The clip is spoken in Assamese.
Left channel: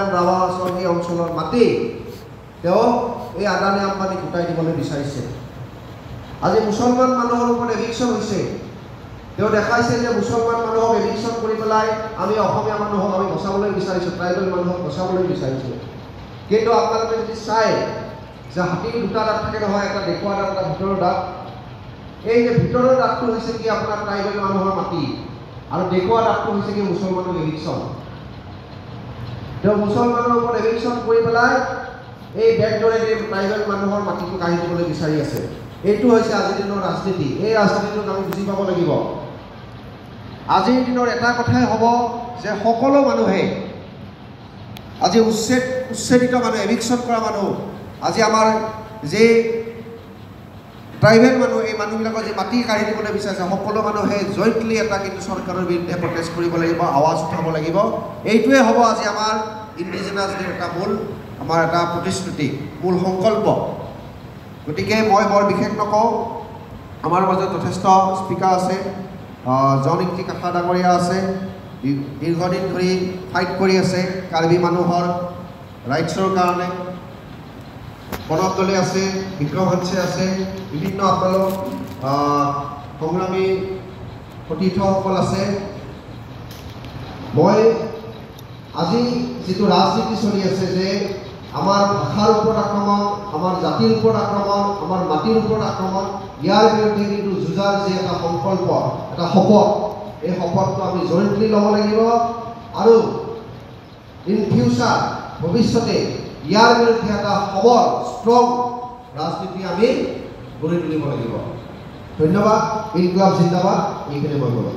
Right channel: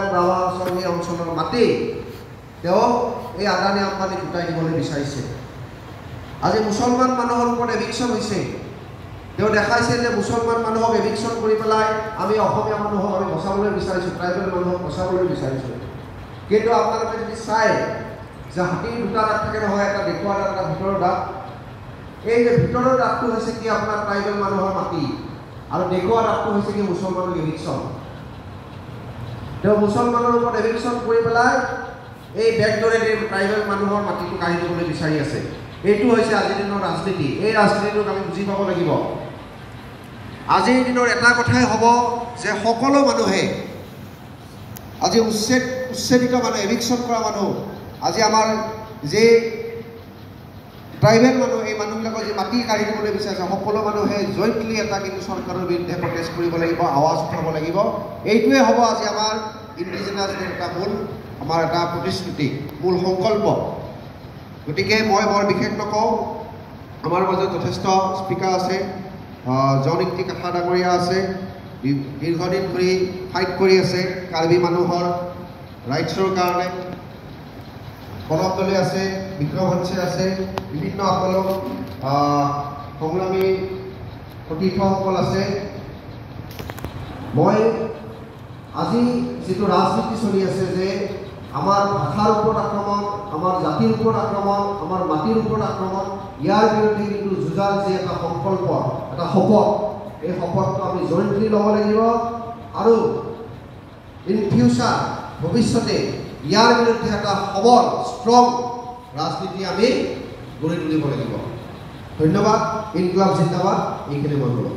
ৰাৱাচনী অঞ্চলৰ মাটি তেওঁ এই আদানী আম্বানী গোটাই দিবলৈ বিচাৰিছে। আজি মুছলমান মানুহৰ ওপৰত এভিকশ্যন হৈছে। তেওঁ দেখাইছে যে মুছলমান মানুহক এভিকশ্যন কৰি পেলাই আমি অসমীয়া মানুহক আমি বচাবলৈ বিচাৰিছোঁ, ট্ৰাইবেল মানুহক বচাবলৈ বিচাৰিছোঁ। কিন্তু আপোনালোকে যদি চায় যে হাতীৰ দুটা দাঁত থাকে নহয়, এটা দেখুওৱা দাঁত, এটা ভিতৰৰ দাঁত। এই যে ভিতৰৰ দাঁতটো হৈছে কি আপোনাৰ ট্ৰাইবেল মানুহৰ মাটি, আৰু দেখুওৱা দাঁতটো হৈছে কি মুছলমানৰ এভিকশ্যন। তেওঁ মুছলমানৰ ওপৰত এভিকশ্যন কৰি পেলাই এই বেগদৰেদি ট্ৰাইবেল মানুহৰ মাটিটো কাঢ়ি দিবলৈ বিচাৰি আছে। এইটো হৈছে আজিৰ দিনৰ ৰাজনীতি। এই ৰাজনীতিটোক আমি বুজি পাব লাগিব। আজিৰ দিনৰ এটা কথাই হ'ব যে সকলো মানুহে আজি উচ্ছেদিত মানুহ, এভিকশ্যন কৰা মানুহ, আজি আমাৰ যে ট্ৰাইবেল মানুহ, এই মানুহবিলাকৰ যে মাটি কাঢ়ি দিবলৈ বিচাৰিছে, সকলো মানুহে জইণ্টলি এটা কিন্তু চৰকাৰৰ বিৰুদ্ধে প্ৰটেষ্ট কৰিব লাগিব, আৱাজ উঠাব লাগিব। এইটোৱে হ'ব আজি আমাৰ ইণ্ডিজিনাছ ডে এটা আমাৰ এটা প্ৰতিশ্ৰুতি, মূল সংকল্প। গতিকে মই বৰ বিশেষ নকওঁ, আমাৰ মাজত যথেষ্ট স্পীকাৰ আছে। জয়নীতি কাঠা ডাঙৰীয়া আছে, দীৰ্ঘদিন ধৰি ফাইট কৰি আছে কাৰ্বি মানুহৰ ৰাইটছৰ কাৰণে। প্ৰণৱ দলে আছে, বিক্ৰম হংছে আছে, বিভিন্ন আপোনালোক সংগ্ৰামী সতীৰ্থসকল আছে। মই আজি যিটো ৰাজনীতি চলি আছে যে আমাৰ ভাষাৰ ওপৰত আক্ৰমণ, আমাৰ জাতিৰ ওপৰত আক্ৰমণ, আমাৰ মাটিৰ ওপৰত আক্ৰমণ, ইয়াৰ বিৰুদ্ধে কিন্তু যুঁজাৰ যি এটা সংকল্প, এটা শপত, এই শপতটো আমি জইণ্টলি ল'ব লাগিব। আৰু ইন ফিউচাৰ, ভৱিষ্যতে ইয়াৰ বিৰুদ্ধে এটা সবল ষ্ট্ৰং ৰাজনীতি আমি গঢ়ি তুলিব লাগিব। ধন্যবাদ। ইনকলাব জিন্দাবাদ। এইখিনি মই ক'লোঁ।